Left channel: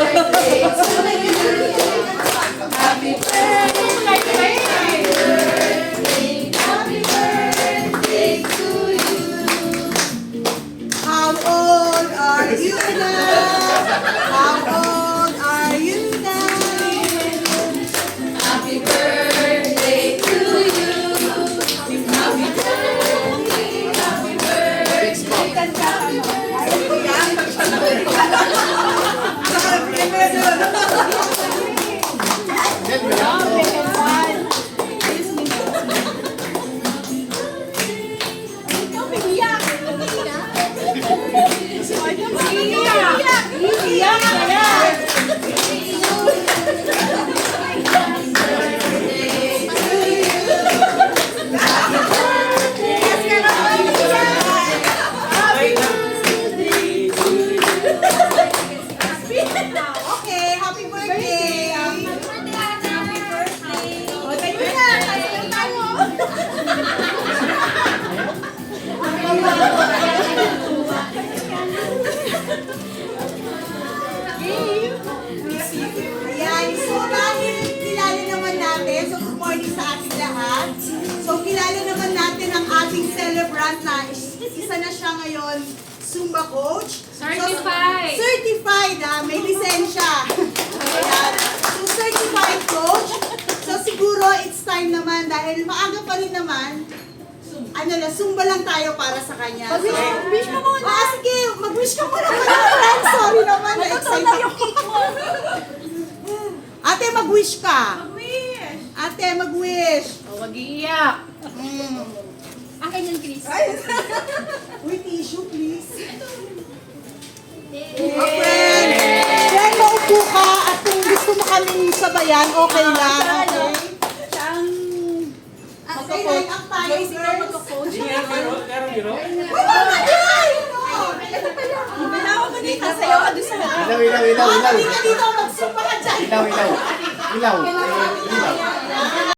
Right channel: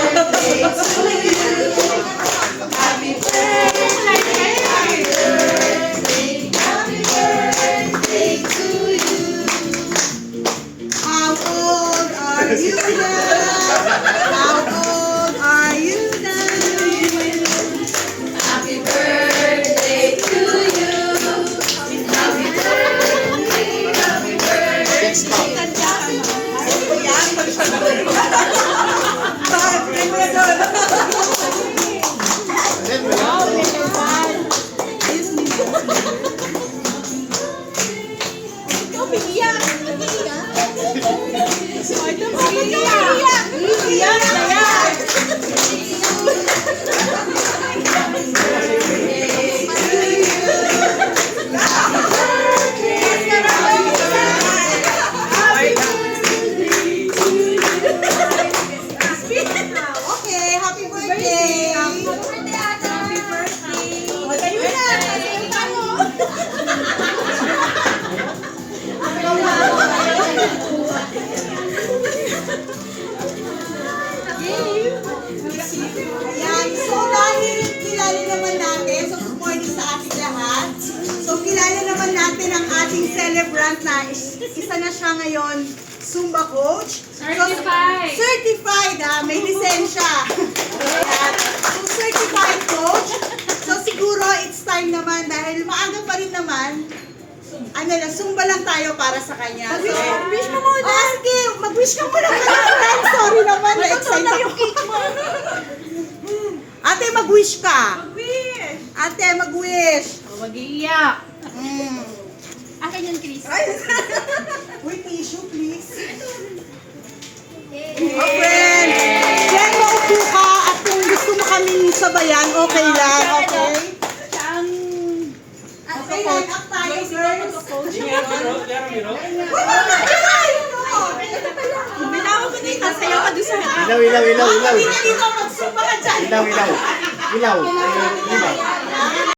Happy birthday, happy birthday to you. How old are you now? How old are you now? Happy birthday to you. Happy birthday, happy birthday. Okay, happy birthday! Happy birthday, Ate! Happy birthday! O, tayo na! Tayo tayo! Ayan, so dahil kilala naman natin, so good morning sa ating lahat. So kilala naman natin ang ating celebrant na isa na siya ngayon, Zumba coach. Certified. So, certified may lisensya. Ayan. So certified coach. So siguro it's time naman dahil maaga pa rin naman. Zumba lang tayo para sa kanya. So, mag-wish ka muna. Sige, mag-wish ka muna pala, friend. Sorry naman, na-excite ako. Ate, mag-wish ka. Mag-wish. Ate, mag-wish. O, mag-iiyak. Akin yan, Chris. Uy, tissue, please. Oh, friend. Friend, maupo ka at kung gusto mo kaming sabayan, okay lang, okay? Okay, line up tayo, girls. Binawa ko na yung nasayaw ka doon sa harap. Ilaw, ilaw, ilaw, ilaw. Hindi na dito, mag-zumba ka dyan. Ilaw, ilaw. Ilaw. Ilaw.